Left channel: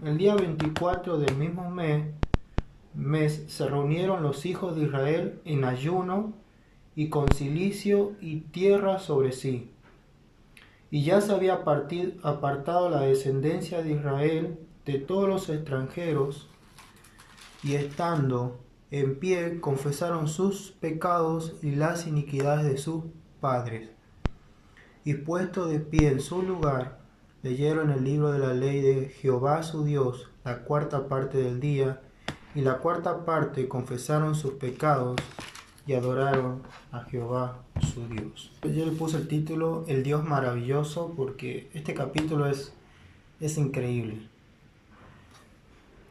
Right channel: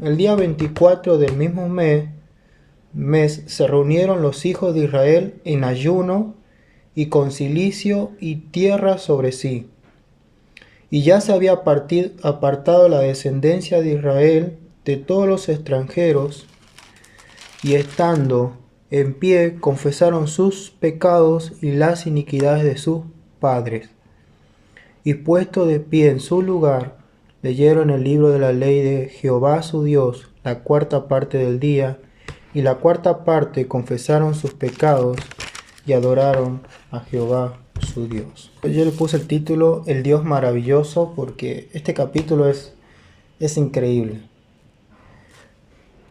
el día 24 del mismo mes se reunieron los hijos de Israel en ayuno y con cilicio y tierra sobre sí. Y ya se había apartado la descendencia de Israel de todos los extranjeros, y estando en pie confesaron sus pecados y las iniquidades de sus padres. Y puesto de pie en su lugar, leyeron el libro de la ley de Jehová su Dios la cuarta parte del día, y la cuarta parte confesaron sus pecados y adoraron a Jehová su Dios. Yo le puse el título El Dios maravilloso porque este capítulo es increíble.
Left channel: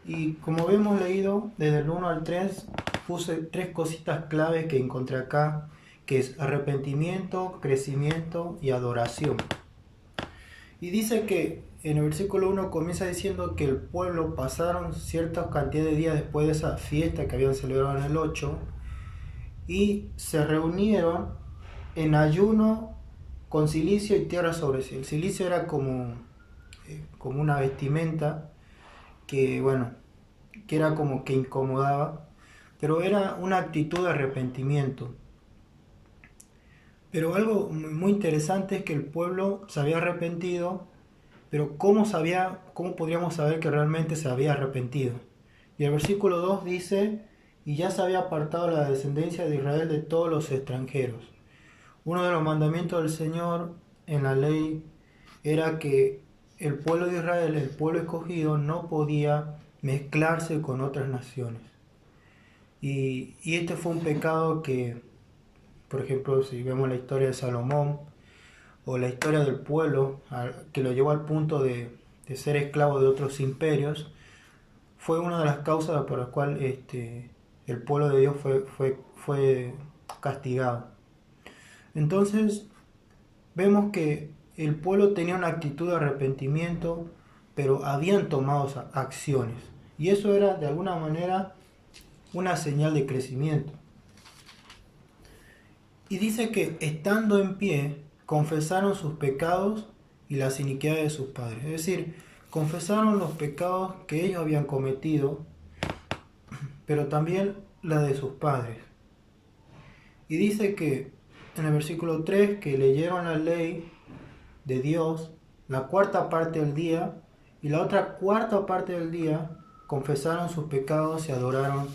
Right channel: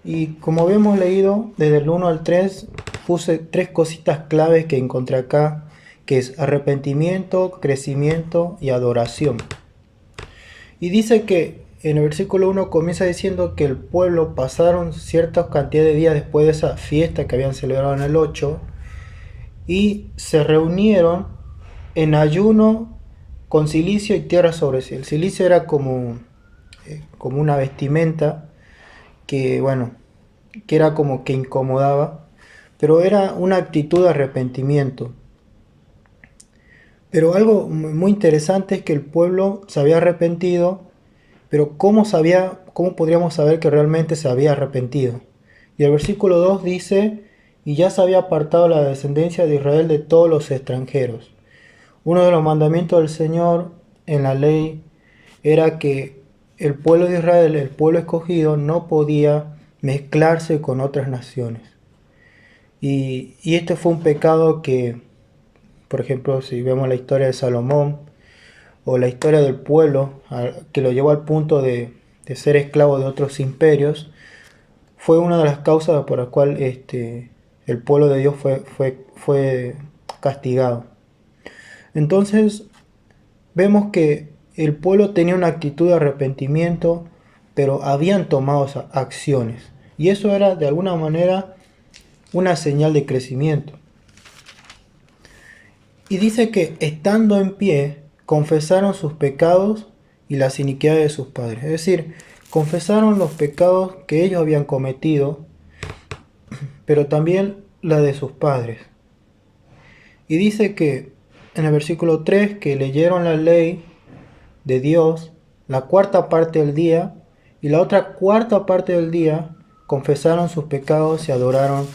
Y como hemos leído desde el 1 al 3, puse tres cositas claves que encontré acá, que es arrepentimiento, crecimiento y adoración. Y dice que en el versículo 1 comienza diciendo que el pueblo pasaron cierta cantidad de días después de esa fiesta que habían celebrado en el 8 y se reunieron en ayuno con cilicio y tierra sobre sí. El cilicio era como una vestimenta que, bueno, que era como que incomodaba, pero era una actitud de arrepentimiento. Pero algo muy interesante es que el pueblo se había arrepentido, pero ¿cómo podríamos saber que realmente se había arrepentido? Y el versículo 2 dice, y ya se había apartado la descendencia de Israel de todos los extranjeros. Uno de los mandamientos del Señor en la ley era que el pueblo de Israel, el pueblo escogido, no podía mezclarse con otras naciones. Y este fue un pecado que, por ejemplo, si vemos la historia de Salomón o la historia del pueblo, que lo llevó al punto de ser esclavo de otros imperios, fue una de las causas por las cuales el pueblo de Dios fue castigado. Entonces, vemos que el pueblo tenía una actitud de arrepentimiento, pero habían tomado acciones. Y eso era de alguna manera una señal de crecimiento. Y dice que estando en pie, confesaron sus pecados y las iniquidades de sus padres. Es decir, confesaron los pecados que ellos habían cometido, pero también la de sus padres. Y dice que en el versículo 3 que leyeron la ley de Dios la cuarta parte del día, y la otra cuarta parte del día confesaron sus pecados y adoraron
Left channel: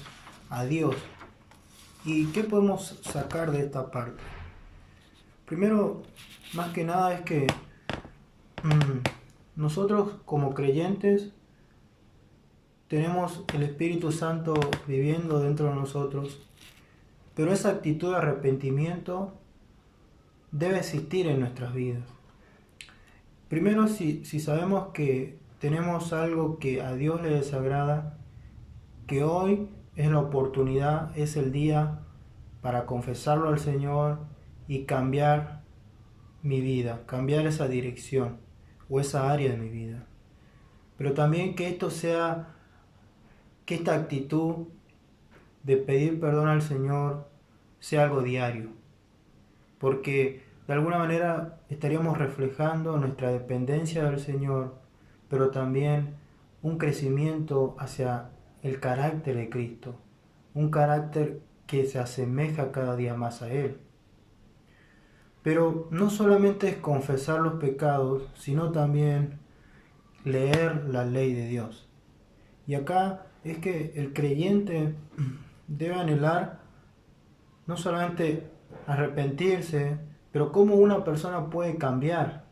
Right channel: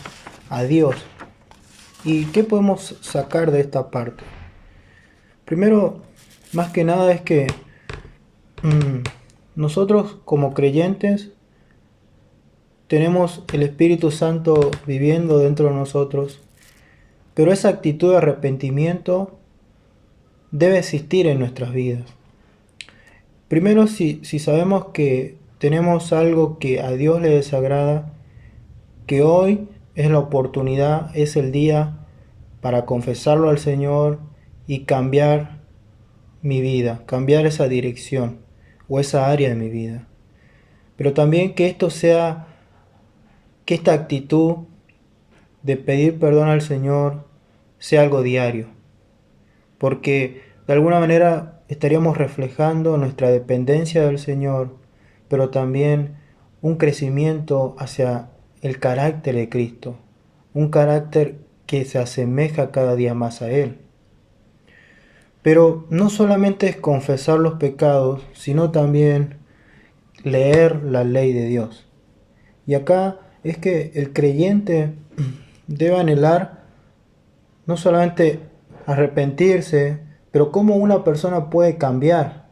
a Dios. ¿Y qué podemos sacar de esta parte? Primero, más que nada es que nosotros como creyentes tenemos el Espíritu Santo viviendo dentro de nosotros, pero esa actitud de arrepentimiento debe existir en nuestras vidas. Primero, si sabemos que tenemos algo que a Dios le desagrada, que hoy es la oportunidad, es el día para confesarlo al Señor y cambiar mi vida, cambiar esa dirección o esa área de mi vida. Pero también que que esta actitud de pedir perdón al Señor sea algo diario, porque de alguna manera estaríamos reflejando nuestra dependencia del Señor, pero también un crecimiento hacia el carácter de Cristo, un carácter que se asemeja cada día más a Él. Pero no solamente es confesar los pecados, sino también leer la ley de Dios. Y acá es que el creyente debe anhelar no solamente arrepentirse, pero cómo una persona puede cambiar.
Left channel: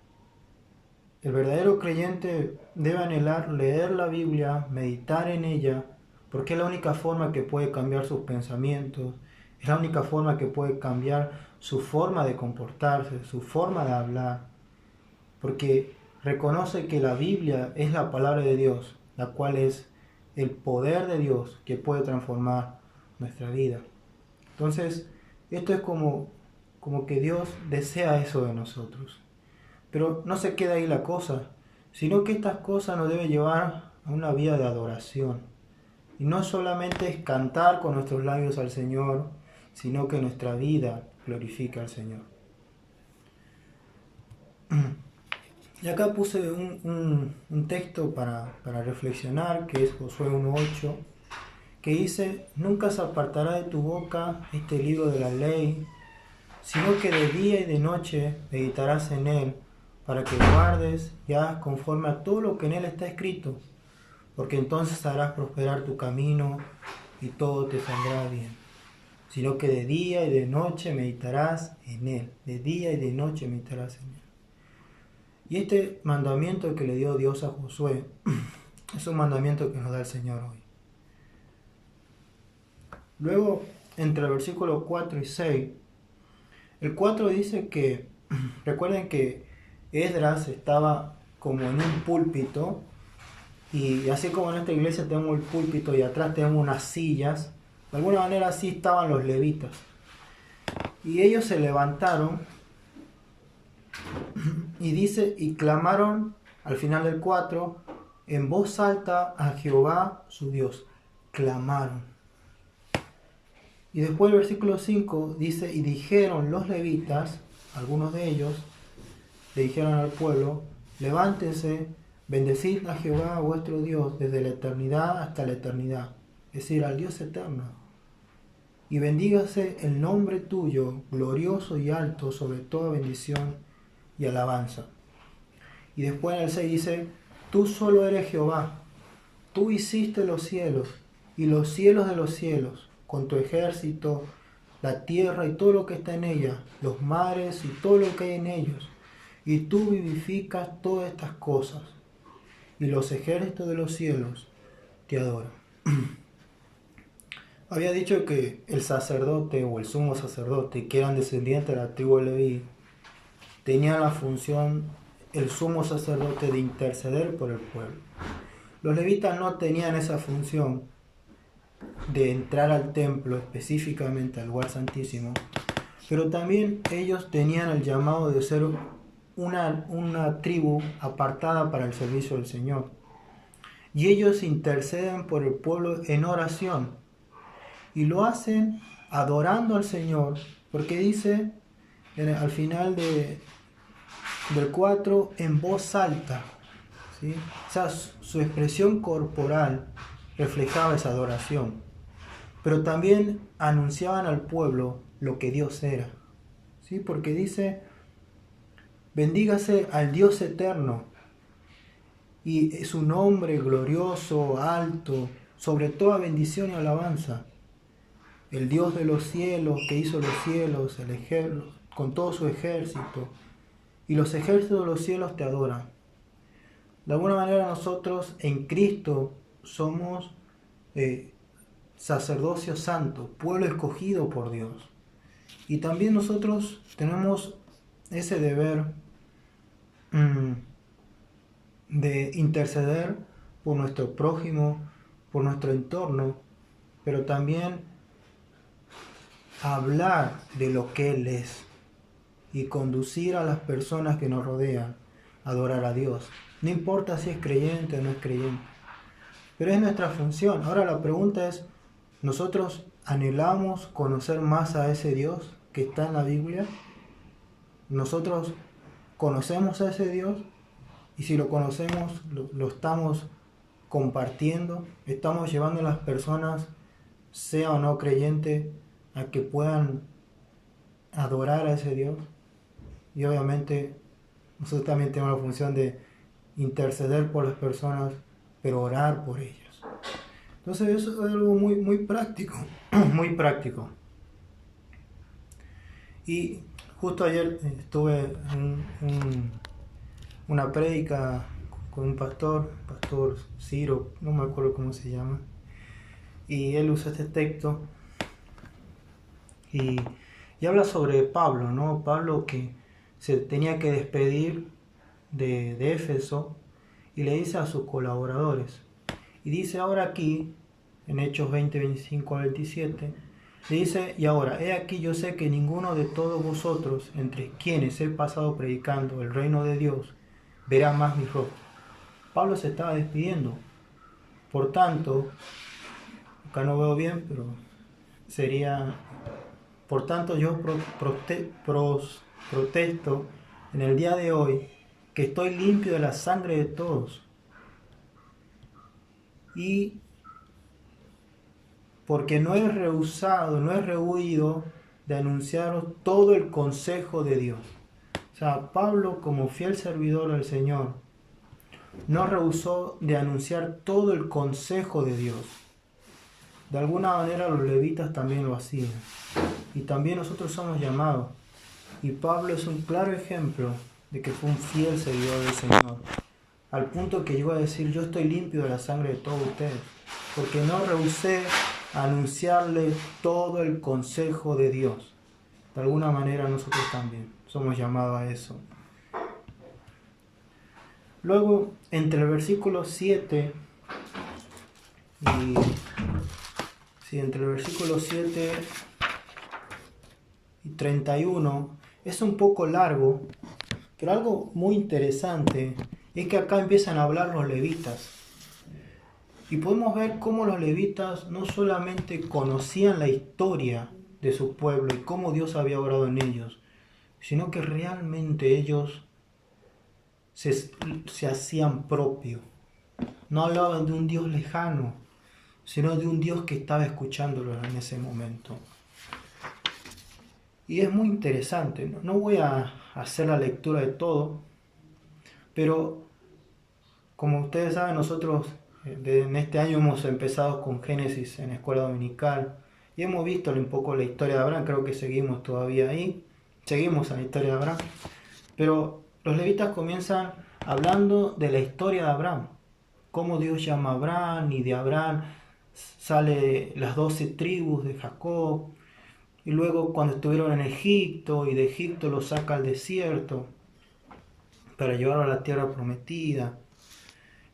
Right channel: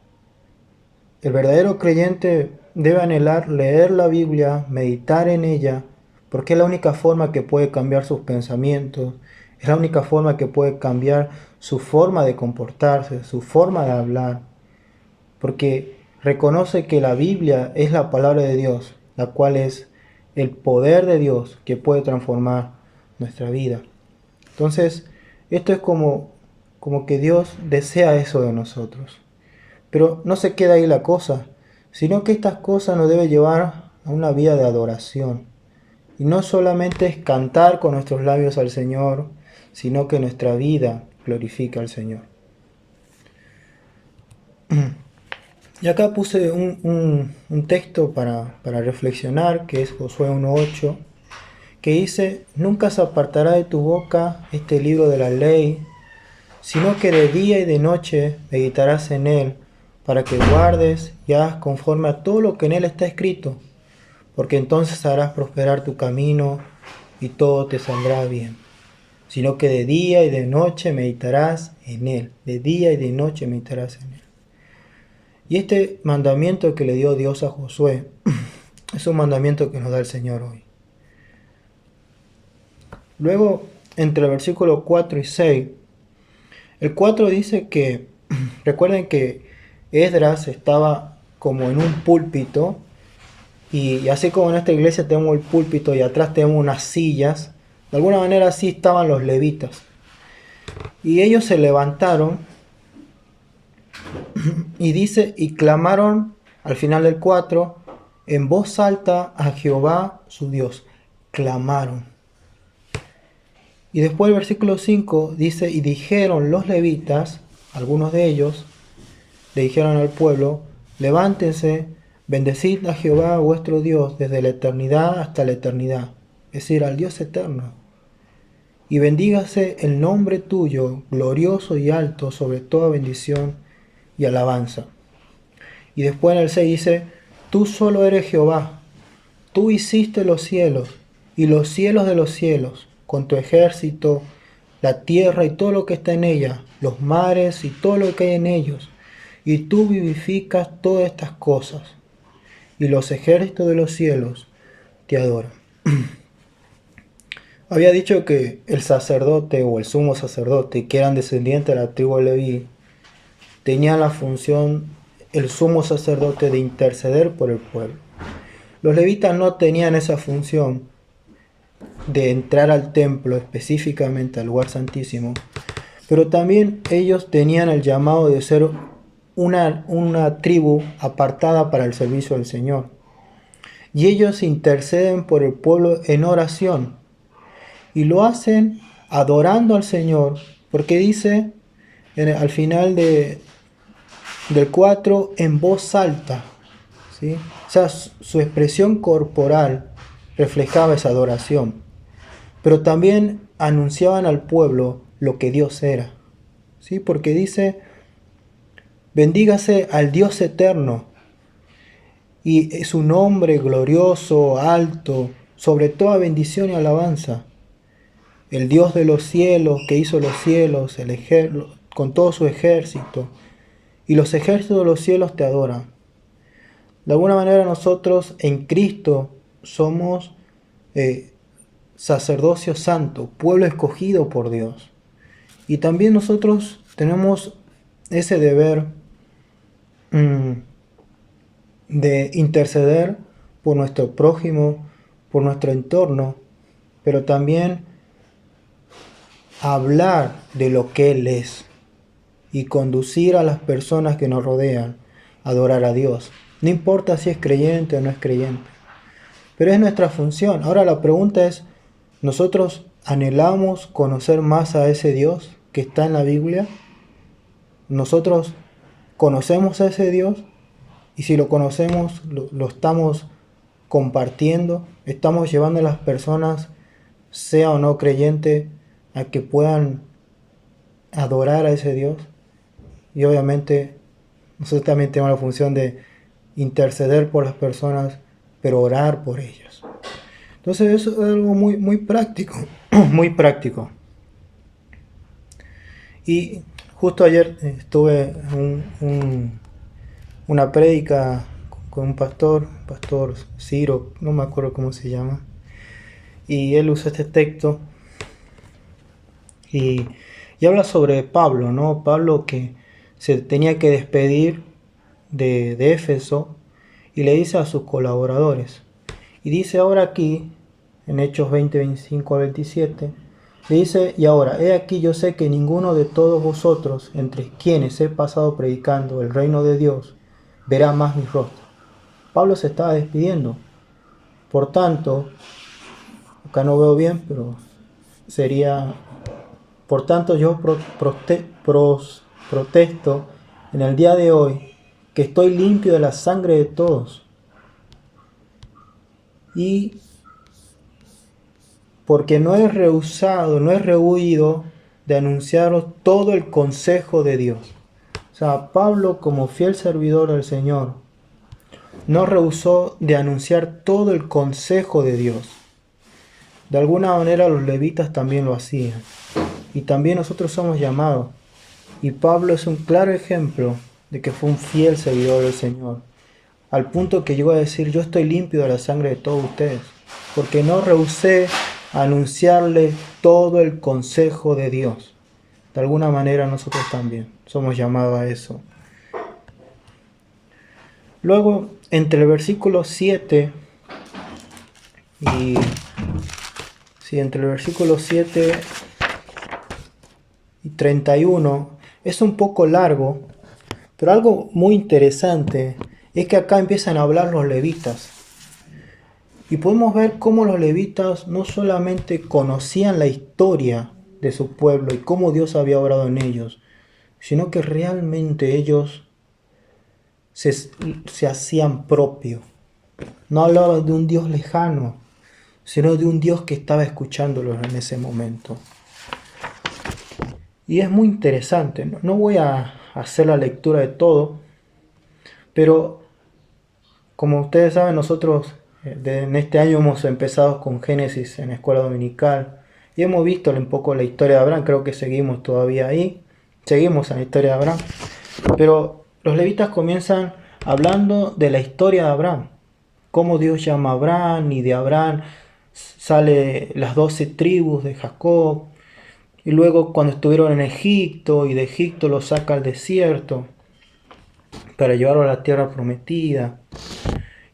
El verdadero creyente debe anhelar leer la Biblia, meditar en ella, porque es la única forma que puede cambiar sus pensamientos, es la única forma que puede cambiar su forma de comportarse, su forma de hablar, porque reconoce que la Biblia es la palabra de Dios, la cual es el poder de Dios que puede transformar nuestra vida. Entonces, esto es como que Dios desea eso de nosotros. Pero no se queda ahí la cosa, sino que estas cosas nos deben llevar a una vida de adoración. Y no solamente es cantar con nuestros labios al Señor, sino que nuestra vida glorifica al Señor. Y acá puse un texto para reflexionar, que es Josué 1.8, que dice: nunca se apartará de tu boca este libro de la ley, sino que de día y de noche meditarás en él, para que guardes y hagas conforme a todo lo que en él está escrito, porque entonces harás prosperar tu camino y todo te saldrá bien. Sino que de día y de noche meditarás en él, de día y de noche meditarás en él. Y este mandamiento que le dio Dios a Josué es un mandamiento que nos da el Señor hoy. Luego, entre el versículo 4 y 6, el 4 dice que, recuerden que Esdras estaba como en un púlpito, y así como en esta iglesia tenemos el púlpito y atrás tenemos unas sillas, de alguna manera así estaban los levitas. Y ellos se levantaron y dice, y clamaron al final del 4 en voz alta a Jehová su Dios. Clamaron. Y después el versículo 5 dice, y dijeron los levitas, algunos de ellos, le dijeron al pueblo: levántense, bendecid a Jehová vuestro Dios desde la eternidad hasta la eternidad, es decir, al Dios eterno. Y bendígase el nombre tuyo, glorioso y alto, sobre toda bendición y alabanza. Y después en el 6 dice: tú solo eres Jehová, tú hiciste los cielos y los cielos de los cielos, con tu ejército, la tierra y todo lo que está en ella, los mares y todo lo que hay en ellos. Y tú vivificas todas estas cosas, y los ejércitos de los cielos te adoran. Había dicho que el sacerdote o el sumo sacerdote, que eran descendientes de la tribu de Leví, tenía la función, el sumo sacerdote, de interceder por el pueblo. Los levitas no tenían esa función de entrar al templo, específicamente al lugar santísimo, pero también ellos tenían el llamado de ser una tribu apartada para el servicio del Señor. Y ellos interceden por el pueblo en oración, y lo hacen adorando al Señor, porque dice al final del 4, en voz alta, ¿sí? O sea, su expresión corporal reflejaba esa adoración, pero también anunciaban al pueblo lo que Dios era, ¿sí? Porque dice: bendígase al Dios eterno, y su nombre glorioso, alto, sobre toda bendición y alabanza. El Dios de los cielos, que hizo los cielos, con todo su ejército, y los ejércitos de los cielos te adoran. De alguna manera nosotros en Cristo somos sacerdocio santo, pueblo escogido por Dios. Y también nosotros tenemos ese deber de interceder por nuestro prójimo, por nuestro entorno, pero también hablar de lo que Él es y conducir a las personas que nos rodean a adorar a Dios. No importa si es creyente o no es creyente, pero es nuestra función. Ahora la pregunta es, ¿nosotros anhelamos conocer más a ese Dios que está en la Biblia? ¿Nosotros conocemos a ese Dios? Y si lo conocemos, lo estamos compartiendo, estamos llevando a las personas, sea o no creyente, a que puedan adorar a ese Dios. Y obviamente nosotros también tenemos la función de interceder por las personas, pero orar por ellos. Entonces eso es algo muy, muy práctico, muy práctico. Y justo ayer estuve en una prédica con un pastor Ciro, no me acuerdo cómo se llama, y él usa este texto y habla sobre Pablo, ¿no? Pablo que se tenía que despedir de Éfeso, y le dice a sus colaboradores, y dice ahora aquí, en Hechos 20, 25 al 27, le dice: y ahora, he aquí, yo sé que ninguno de todos vosotros, entre quienes he pasado predicando el reino de Dios, verá más mi rostro. Pablo se estaba despidiendo. Por tanto, acá no veo bien, pero sería: por tanto, yo protesto en el día de hoy que estoy limpio de la sangre de todos. Y porque no he rehusado, no he rehuido de anunciaros todo el consejo de Dios. O sea, Pablo, como fiel servidor del Señor, no rehusó de anunciar todo el consejo de Dios. De alguna manera los levitas también lo hacían. Y también nosotros somos llamados. Y Pablo es un claro ejemplo de que fue un fiel servidor del Señor. Al punto que llegó a decir, yo estoy limpio de la sangre de todos ustedes. Porque no rehusé anunciarle todo el consejo de Dios. De alguna manera nosotros también somos llamados a eso. Luego, entre el versículo 7 y... Sí, entre el versículo 7 y 31 es un poco largo, pero algo muy interesante es que acá empiezan a hablar los levitas. Y podemos ver cómo los levitas no solamente conocían la historia de su pueblo y cómo Dios había obrado en ellos, sino que realmente ellos se hacían propio. No hablaban de un Dios lejano, sino de un Dios que estaba escuchándolos en ese momento. Y es muy interesante, no voy a hacer la lectura de todo, pero como ustedes saben, nosotros en este año hemos empezado con Génesis en la escuela dominical y hemos visto un poco la historia de Abraham, creo que seguimos todavía ahí, seguimos en la historia de Abraham, pero los levitas comienzan hablando de la historia de Abraham, cómo Dios llama a Abraham y de Abraham sale las 12 tribus de Jacob, y luego cuando estuvieron en Egipto y de Egipto los saca al desierto para llevarlo a la tierra prometida.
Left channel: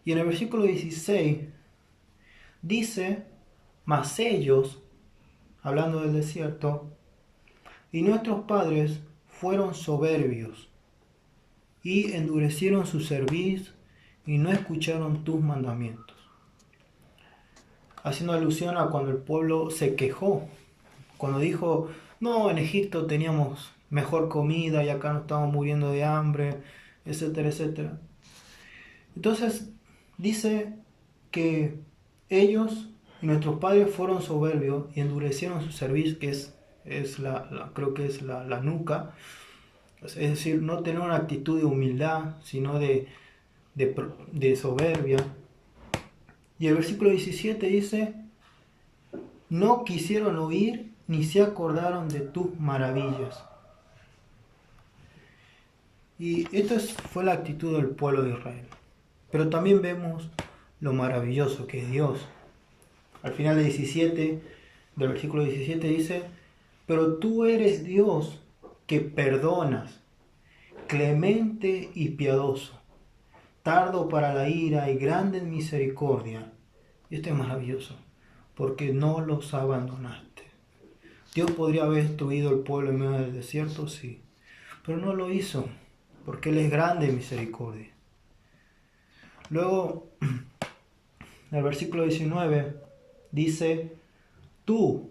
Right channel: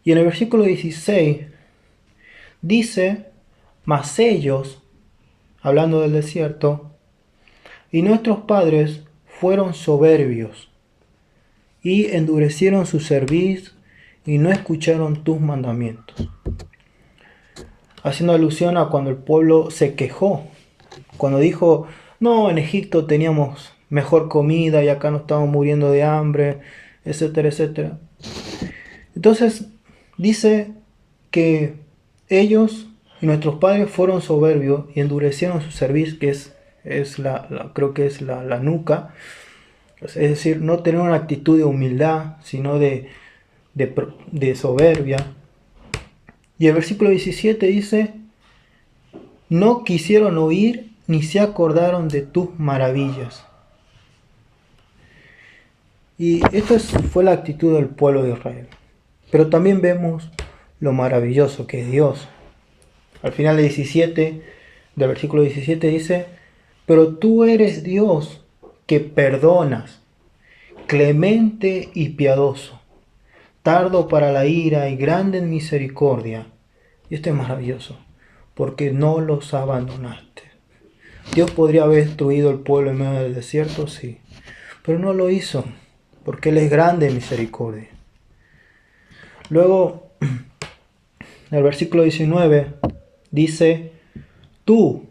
Y en el versículo 16 dice, mas ellos, hablando del desierto, y nuestros padres fueron soberbios y endurecieron su cerviz y no escucharon tus mandamientos. Haciendo alusión a cuando el pueblo se quejó, cuando dijo, no, en Egipto teníamos mejor comida y acá nos estamos muriendo de hambre, etcétera, etcétera. Entonces dice que ellos y nuestros padres fueron soberbios y endurecieron su cerviz, que creo que es la nuca, es decir, no tener una actitud de humildad, sino de soberbia. Y el versículo 17 dice, no quisieron oír ni se acordaron de tus maravillas. Y esto fue la actitud del pueblo de Israel. Pero también vemos lo maravilloso que es Dios. Al final del versículo 17 dice, pero tú eres Dios que perdonas, clemente y piadoso, tardo para la ira y grande en misericordia. Y esto es maravilloso, porque no los abandonaste. Dios podría haber destruido el pueblo en medio del desierto, sí, pero no lo hizo, porque Él es grande en misericordia. Luego, el versículo 19 dice, tú,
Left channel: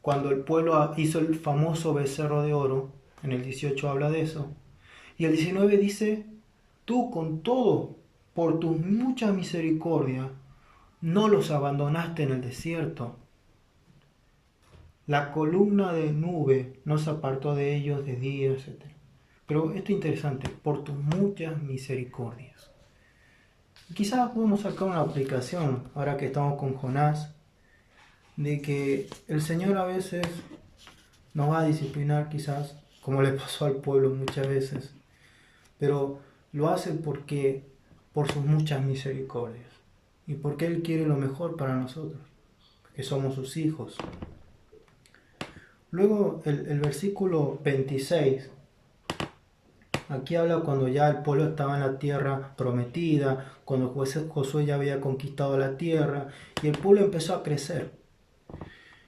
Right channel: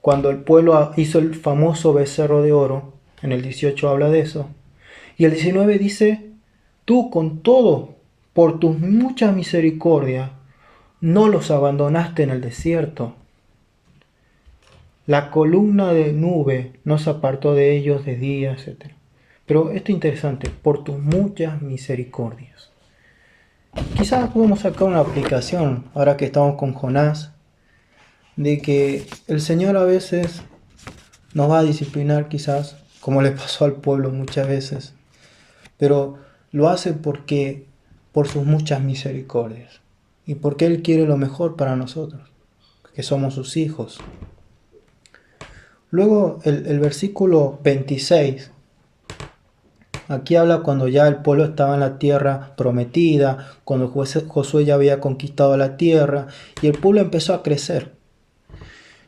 cuando el pueblo hizo el famoso becerro de oro, en el 18 habla de eso, y el 19 dice, tú con todo, por tus muchas misericordias, no los abandonaste en el desierto. La columna de nube no se apartó de ellos de día, etc. Pero esto es interesante, por tus muchas misericordias. Quizás podemos sacar una aplicación, ahora que estamos con Jonás, de que el Señor a veces nos va a disciplinar quizás, como le pasó al pueblo muchas veces, pero lo hace por sus muchas misericordias y porque Él quiere lo mejor para nosotros, que somos sus hijos. Luego el versículo 26, aquí habla cuando ya el pueblo estaba en la tierra prometida, cuando Josué ya había conquistado la tierra y el pueblo empezó a crecer.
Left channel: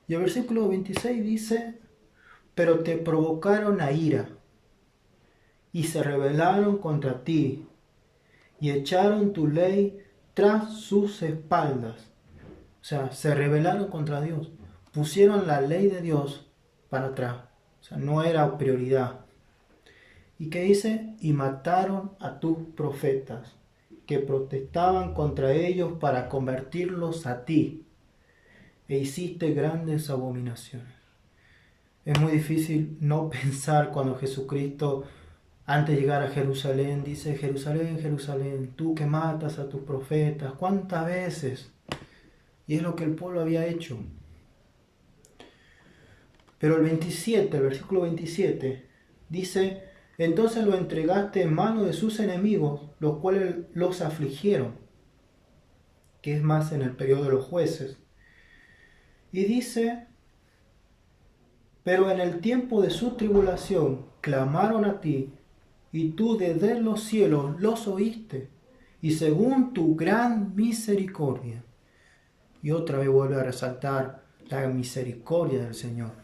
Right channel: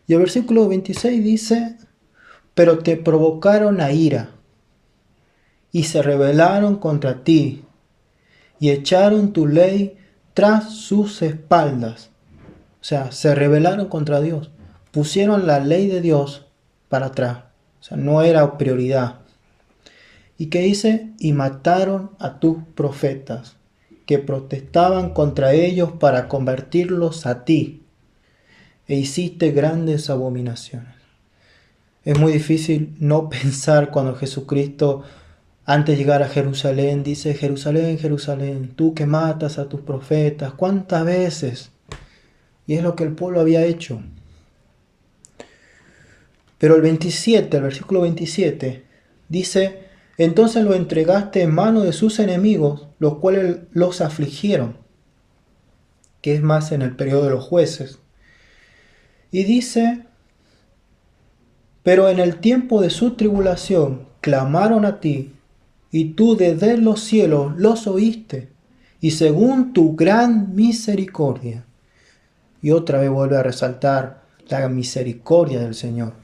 Y el versículo 26 dice, pero te provocaron a ira y se rebelaron contra ti y echaron tu ley tras sus espaldas. O sea, se rebelaron contra Dios, pusieron la ley de Dios para atrás, o sea, no era prioridad. ¿Y qué dice? Y mataron a tus profetas, que protestaban contra ellos para convertirlos a ti, e hiciste grandes abominaciones. Es muy difícil no pensar cuando Jesucristo, antes de llegar a Jerusalén, dice: Jerusalén, Jerusalén, tú que matas a tus profetas, ¿cuántas veces? Y es lo que el pueblo había hecho. Pero el versículo 27, dice: entonces lo entregaste en mano de sus enemigos, los cuales los afligieron, que es más en el periodo de los jueces. Y dice: pero en el tiempo de su tribulación clamaron a ti, y tú desde los cielos los oíste, y según tu gran misericordia. Y otra vez vuelve a resaltar la misericordia del Señor.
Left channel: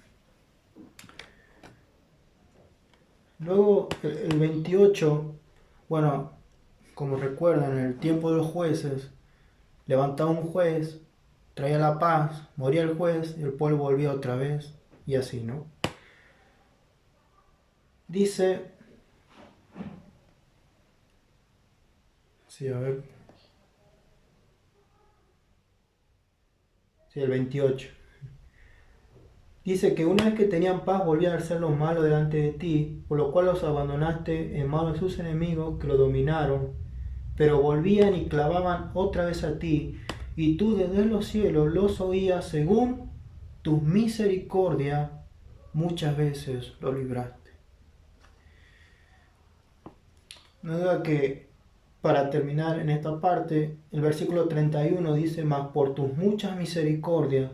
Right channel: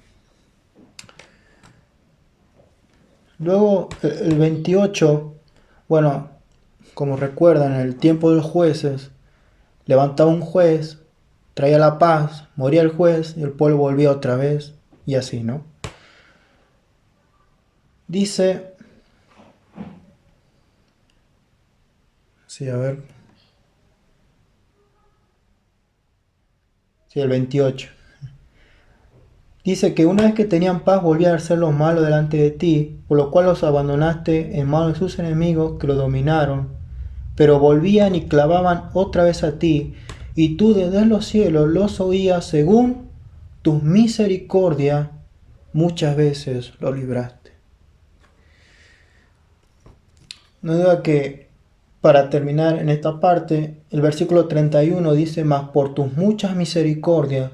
Luego el 28, bueno, como recuerdan, en el tiempo de los jueces, levantaba un juez, traía la paz, moría el juez y el pueblo volvía otra vez, y así, ¿no? Dice, sí, a ver, sí, el 28. Dice que una vez que tenían paz volvían a hacer lo malo delante de ti, por lo cual los abandonaste en manos de sus enemigos que lo dominaron, pero volvían y clamaban otra vez a ti, y tú desde los cielos los oías según tu misericordia, muchas veces lo libraste. No duda que, para terminar en esta parte, el versículo 31 dice: mas por tus muchas misericordias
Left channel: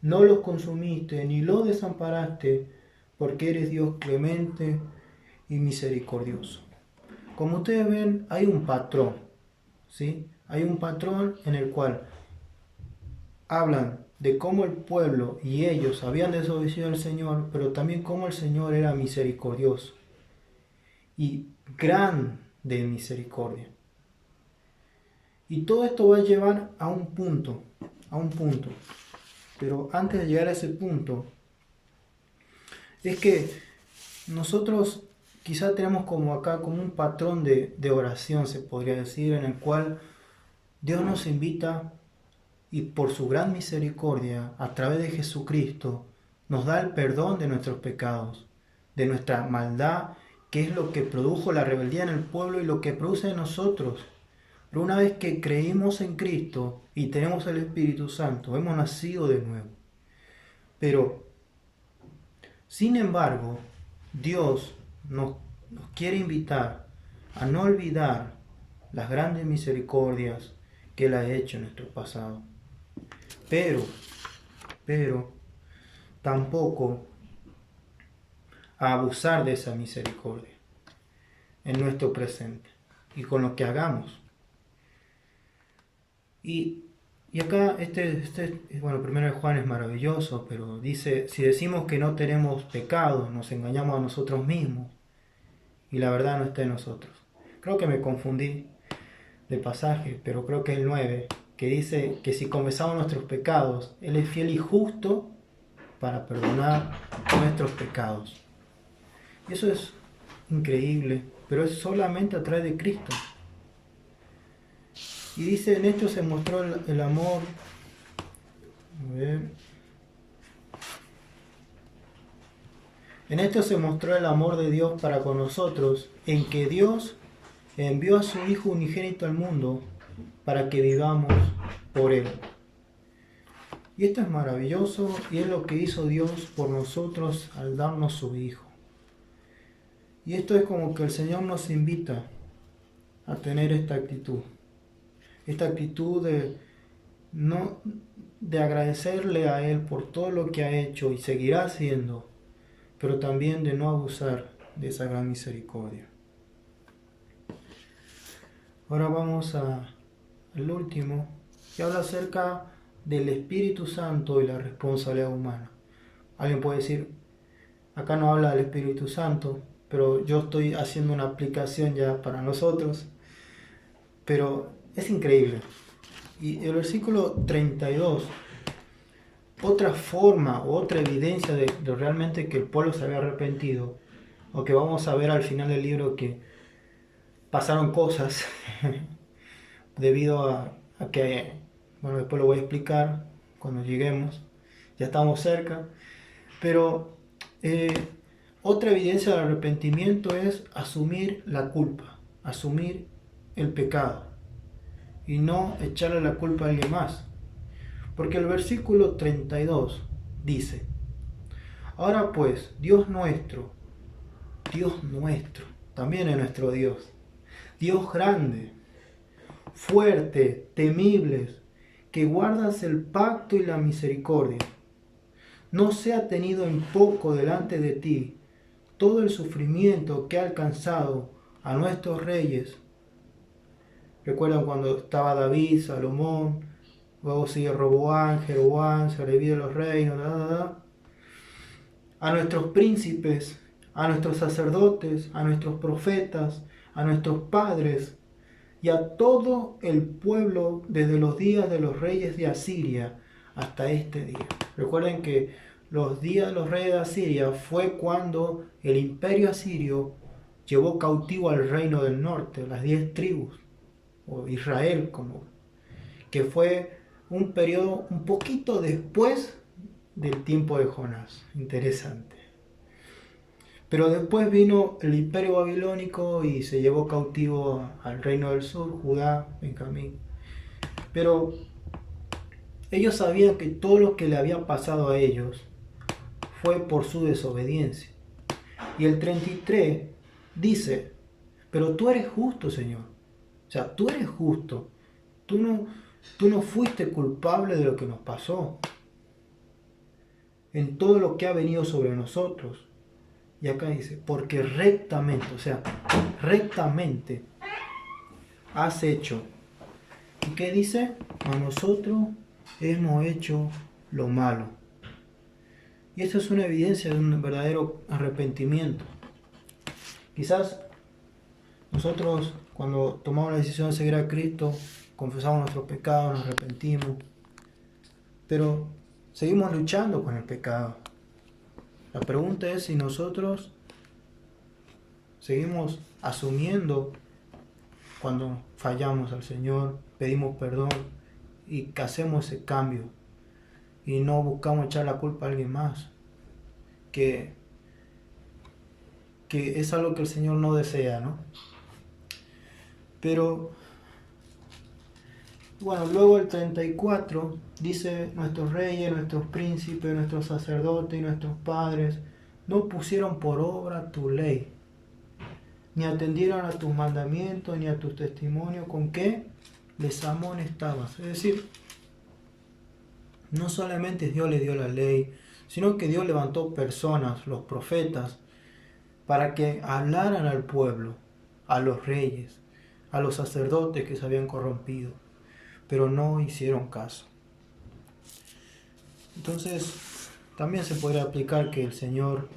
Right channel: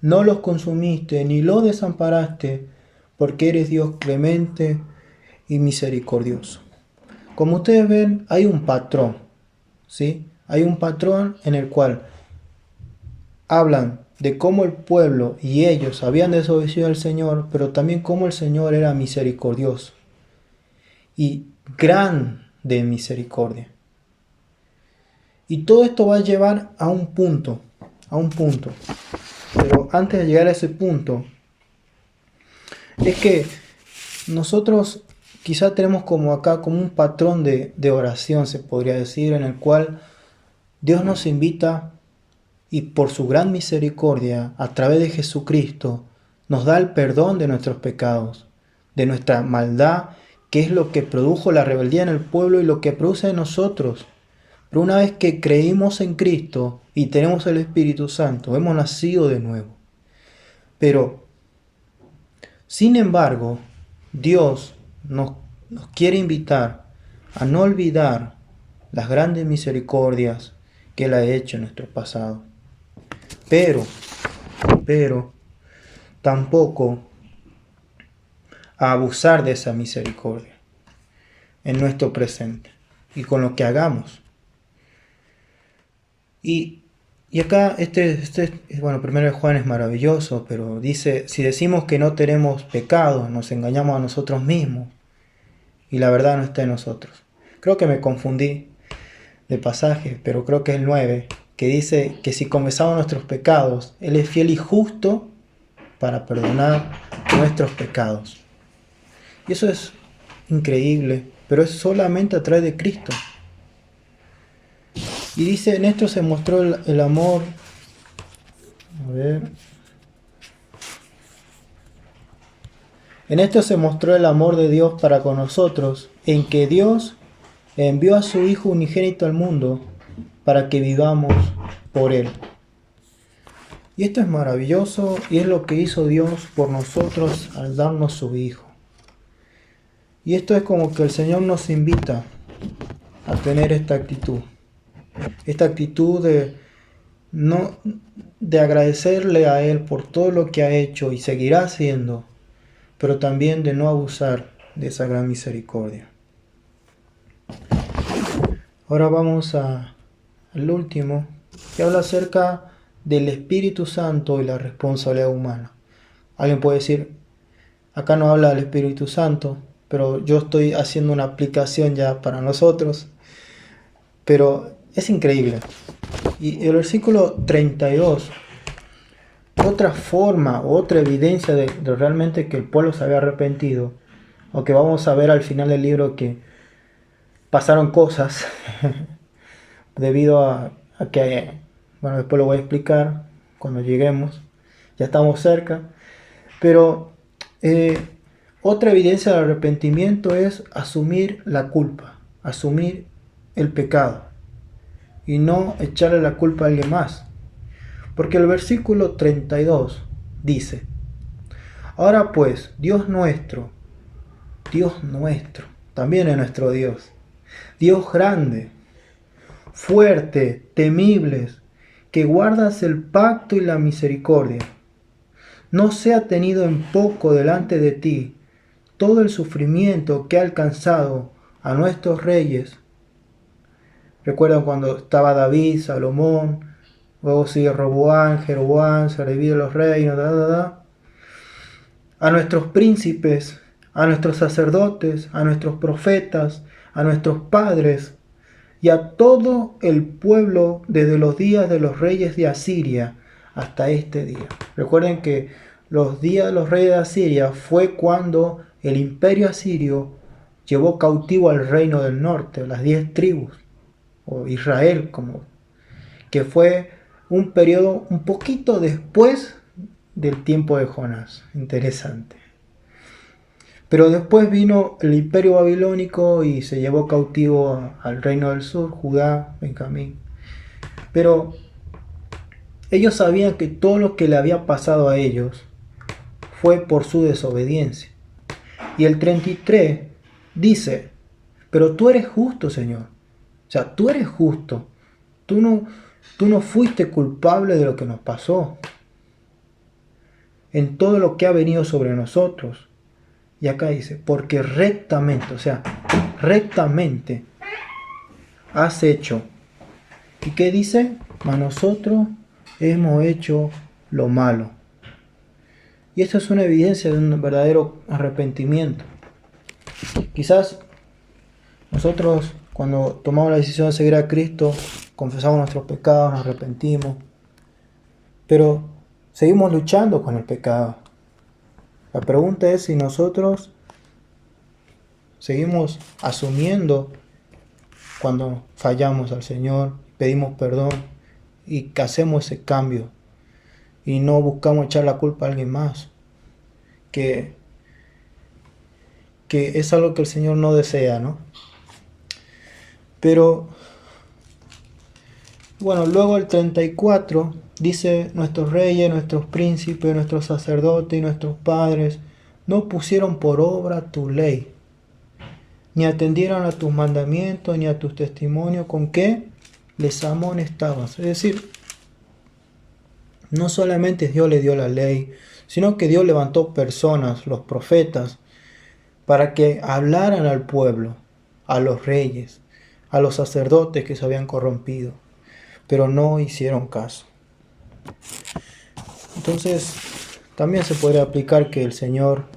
no los consumiste ni los desamparaste, porque eres Dios clemente y misericordioso. Como ustedes ven, hay un patrón, ¿sí? Hay un patrón en el cual hablan de cómo el pueblo y ellos habían desobedecido al Señor, pero también cómo el Señor era misericordioso y grande misericordia. Y todo esto va a llevar a un punto. Pero antes de llegar a ese punto, es que nosotros quizá tenemos como acá como un patrón de oración, se podría decir, en el cual Dios nos invita y por su gran misericordia, a través de Jesucristo, nos da el perdón de nuestros pecados, de nuestra maldad, que es lo que produjo la rebeldía en el pueblo y lo que produce en nosotros. Pero una vez que creímos en Cristo y tenemos el Espíritu Santo, hemos nacido de nuevo. Pero, sin embargo, Dios nos quiere invitar a no olvidar las grandes misericordias que Él ha hecho en nuestro pasado. Pero, tampoco a abusar de esa misericordia en nuestro presente y con lo que hagamos. Y acá, bueno, primero de Juan es maravilloso, pero dice: si decimos que no tenemos pecado, nos engañamos a nosotros mismos y la verdad no está en nosotros. Creo que me confundí de pasaje, pero creo que es el 9, que dice que si confesamos nuestros pecados, Él es fiel y justo para perdonar nuestros pecados. Y eso es increíble, pero es solamente a través de Cristo. Y dice: en esto se mostró el amor. A ver. En esto se mostró el amor de Dios para con nosotros, en que Dios envió a su Hijo unigénito al mundo para que vivamos por Él. Y esto es maravilloso y es lo que hizo Dios por nosotros al darnos su Hijo. Y esto es como que el Señor nos invita a tener esta actitud. Esta actitud de agradecerle a Él por todo lo que ha hecho y seguirá haciendo, pero también de no abusar de esa gran misericordia. Ahora vamos al último, que habla acerca del Espíritu Santo y la responsabilidad humana. Alguien puede decir: acá no habla del Espíritu Santo, pero yo estoy haciendo una aplicación ya para nosotros. Pero es increíble. Y el versículo 32, otra forma, otra evidencia de realmente que el pueblo se había arrepentido, aunque vamos a ver al final del libro que pasaron cosas debido a que, bueno, después lo voy a explicar cuando lleguemos, ya estamos cerca, pero eh, otra evidencia del arrepentimiento es asumir la culpa, asumir el pecado y no echarle la culpa a alguien más. Porque el versículo 32 dice, ahora pues, Dios nuestro, también es nuestro Dios, Dios grande, fuerte, temibles, que guardas el pacto y la misericordia, no sea tenido en poco delante de ti todo el sufrimiento que ha alcanzado a nuestros reyes. Recuerdan cuando estaba David, Salomón, luego sigue Roboán, Jeroboam, se dividen los reinos, a nuestros príncipes, a nuestros sacerdotes, a nuestros profetas, a nuestros padres y a todo el pueblo desde los días de los reyes de Asiria hasta este día. Recuerden que los días de los reyes de Asiria fue cuando el imperio asirio llevó cautivo al reino del norte, las 10 tribus, o Israel, como que fue un periodo un poquito después del tiempo de Jonás. Interesante. Pero después vino el imperio babilónico y se llevó cautivo al reino del sur, Judá, Benjamín. Pero ellos sabían que todo lo que le había pasado a ellos fue por su desobediencia. Y el 33 dice, pero tú eres justo, Señor. O sea, tú eres justo. Tú no fuiste culpable de lo que nos pasó, en todo lo que ha venido sobre nosotros. Y acá dice, porque rectamente, o sea, rectamente has hecho. ¿Y qué dice? A nosotros hemos hecho lo malo. Y esto es una evidencia de un verdadero arrepentimiento. Quizás nosotros cuando tomamos la decisión de seguir a Cristo, confesamos nuestros pecados, nos arrepentimos, pero seguimos luchando con el pecado. La pregunta es si nosotros seguimos asumiendo cuando fallamos al Señor, pedimos perdón y que hacemos ese cambio y no buscamos echar la culpa a alguien más, que es algo que el Señor no desea, ¿no? Pero bueno, luego el 34 dice, nuestros reyes, nuestros príncipes, nuestros sacerdotes y nuestros padres no pusieron por obra tu ley, ni atendieron a tus mandamientos, ni a tus testimonios, con que les amonestaban. Es decir, no solamente Dios le dio la ley, sino que Dios levantó personas, los profetas, para que hablaran al pueblo, a los reyes, a los sacerdotes que se habían corrompido, pero no hicieron caso. Entonces, también se podría aplicar que el Señor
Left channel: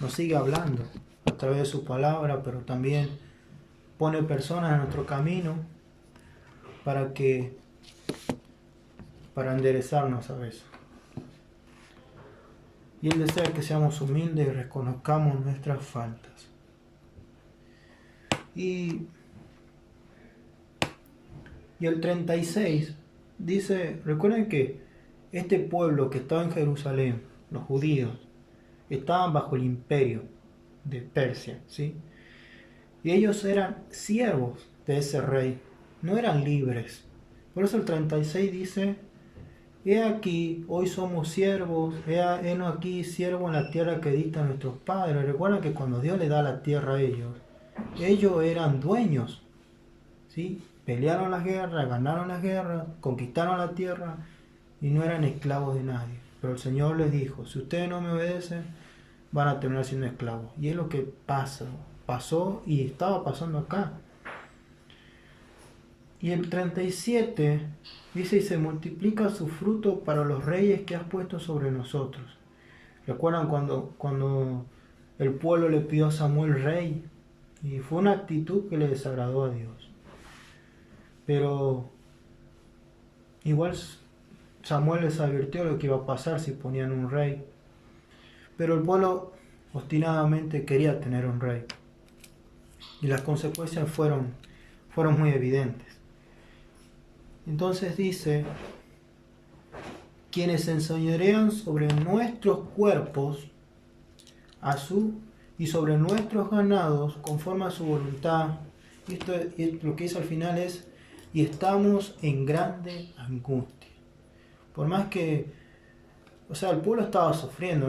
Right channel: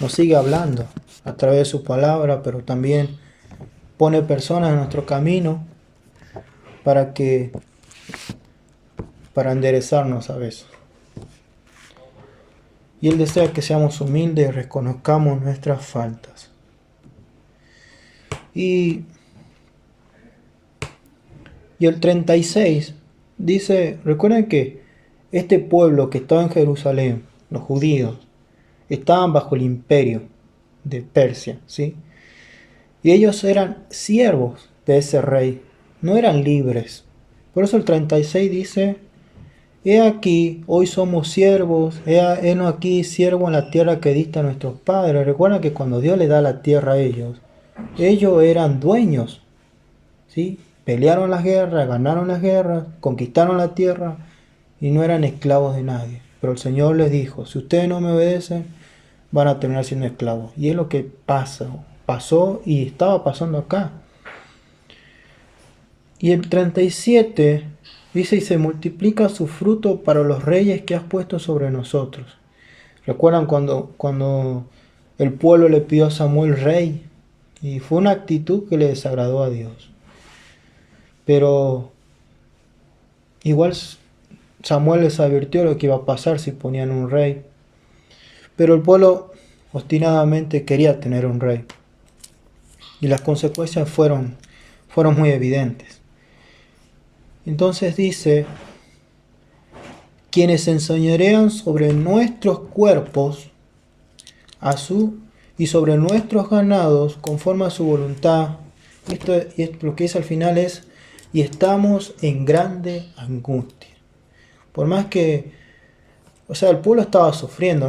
nos sigue hablando a través de su palabra, pero también pone personas en nuestro camino para enderezarnos a veces. Y Él desea que seamos humildes y reconozcamos nuestras faltas. Y el 36 dice, recuerden que este pueblo que estaba en Jerusalén, los judíos, estaban bajo el imperio de Persia, ¿sí? Y ellos eran siervos de ese rey, no eran libres. Por eso el 36 dice, he aquí, hoy somos siervos, heno aquí, siervo en la tierra que diste a nuestros padres. Recuerda que cuando Dios le da la tierra a ellos eran dueños, ¿sí? Pelearon las guerras, ganaron las guerras, conquistaron la tierra y no eran esclavos de nadie. Pero el Señor les dijo, si ustedes no me obedecen, van a terminar siendo esclavos. Y es lo que pasó y estaba pasando acá. Y el 37 dice, y se multiplica su fruto para los reyes que has puesto sobre nosotros. ¿Recuerdan cuando el pueblo le pidió a Samuel rey? Y fue una actitud que le desagradó a Dios. Pero igual Samuel les advirtió lo que iba a pasar si ponían un rey. Pero el pueblo obstinadamente quería tener un rey. Y las consecuencias fueron muy evidentes. Entonces dice, quienes enseñorean sobre nuestros cuerpos y sobre nuestros ganados conforme a su voluntad. Y lo que dice al final es, y estamos en grande angustia. Por más que, o sea, el pueblo estaba sufriendo,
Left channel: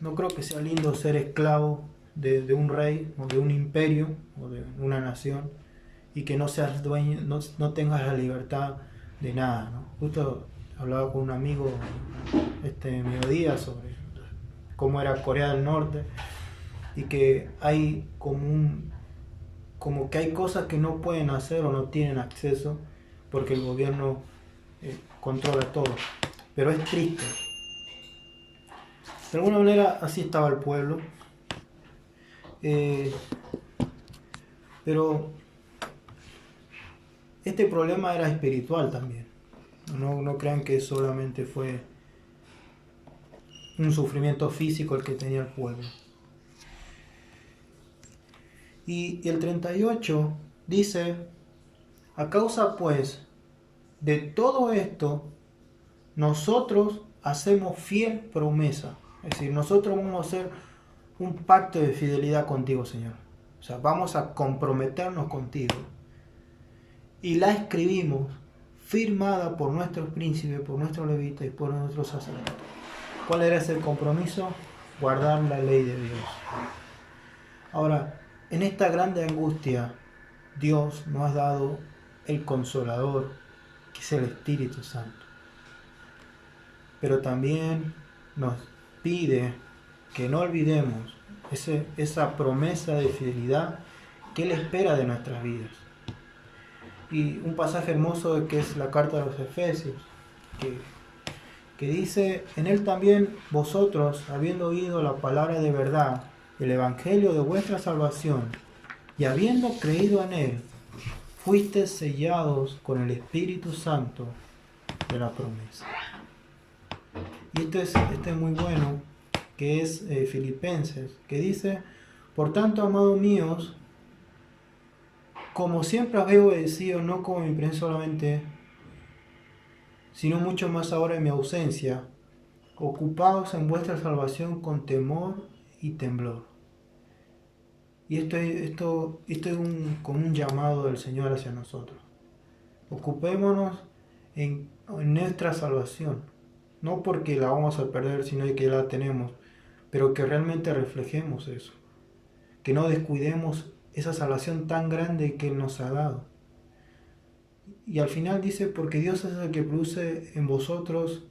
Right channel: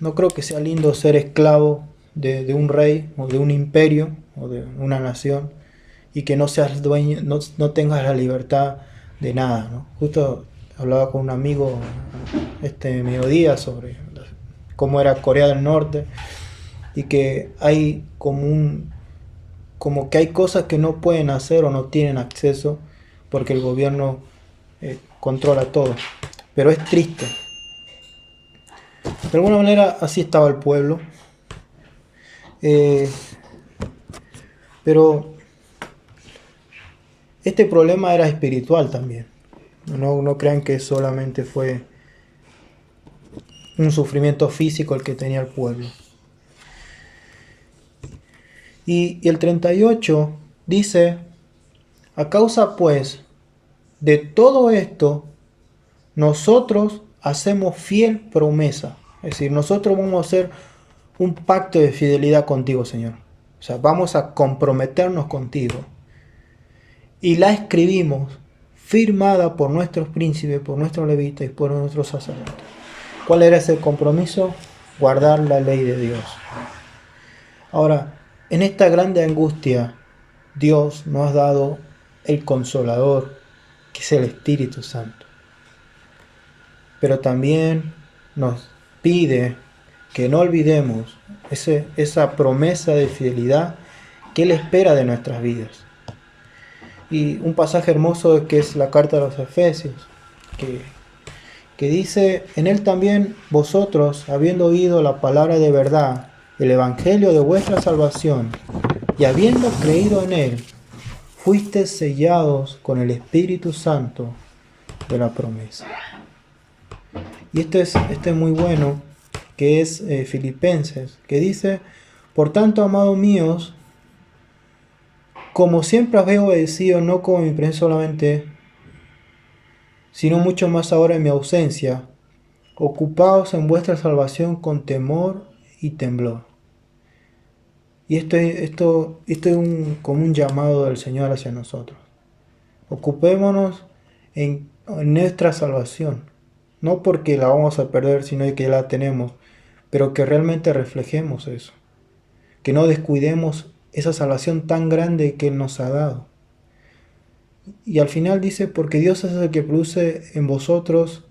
no creo que sea lindo ser esclavo de un rey o de un imperio o de una nación y que no seas dueño, no tengas la libertad de nada, ¿no? Justo hablaba con un amigo este mediodía sobre cómo era Corea del Norte y que hay como que hay cosas que no pueden hacer o no tienen acceso porque el gobierno controla todo. Pero es triste. De alguna manera así estaba el pueblo. Pero este problema era espiritual también. No crean que solamente fue un sufrimiento físico el que tenía el pueblo. Y el 38 dice, a causa pues de todo esto, nosotros hacemos fiel promesa. Es decir, nosotros vamos a hacer un pacto de fidelidad contigo, Señor. O sea, vamos a comprometernos contigo. Y la escribimos, firmada por nuestros príncipes, por nuestros levitas y por nuestros sacerdotes. ¿Cuál era ese compromiso? Guardar la ley de Dios. Ahora, en esta grande angustia, Dios nos ha dado el Consolador, que es el Espíritu Santo. Pero también nos pide que no olvidemos esa promesa de fidelidad que Él espera de nuestras vidas. Y un pasaje hermoso que es la carta de los Efesios, que dice, en Él también vosotros, habiendo oído la palabra de verdad, el evangelio de vuestra salvación, y habiendo creído en Él, fuisteis sellados con el Espíritu Santo de la promesa. Y este es muy bueno, que es Filipenses, que dice, por tanto, amados míos, como siempre habéis obedecido, no como mi presencia solamente, sino mucho más ahora en mi ausencia, ocupaos en vuestra salvación con temor y temblor. Y esto es como un llamado del Señor hacia nosotros. Ocupémonos en nuestra salvación, no porque la vamos a perder, sino que la tenemos, pero que realmente reflejemos eso, que no descuidemos esa salvación tan grande que Él nos ha dado. Y al final dice, porque Dios es el que produce en vosotros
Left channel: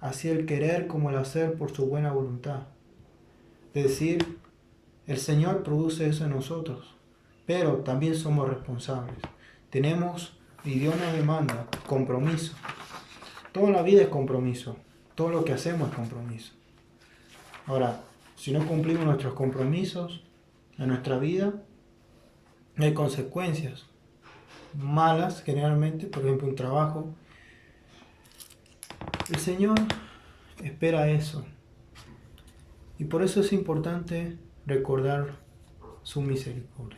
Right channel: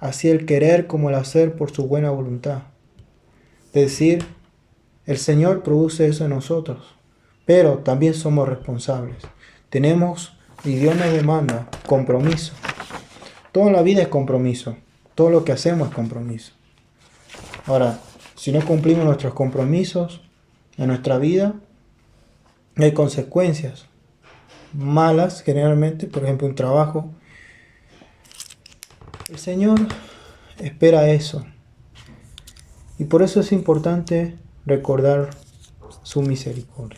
así el querer como el hacer por su buena voluntad. Es decir, el Señor produce eso en nosotros, pero también somos responsables. Tenemos, y Dios nos demanda, compromiso. Toda la vida es compromiso, todo lo que hacemos es compromiso. Ahora, si no cumplimos nuestros compromisos en nuestra vida, hay consecuencias malas generalmente, por ejemplo un trabajo. El Señor espera eso y por eso es importante recordar su misericordia.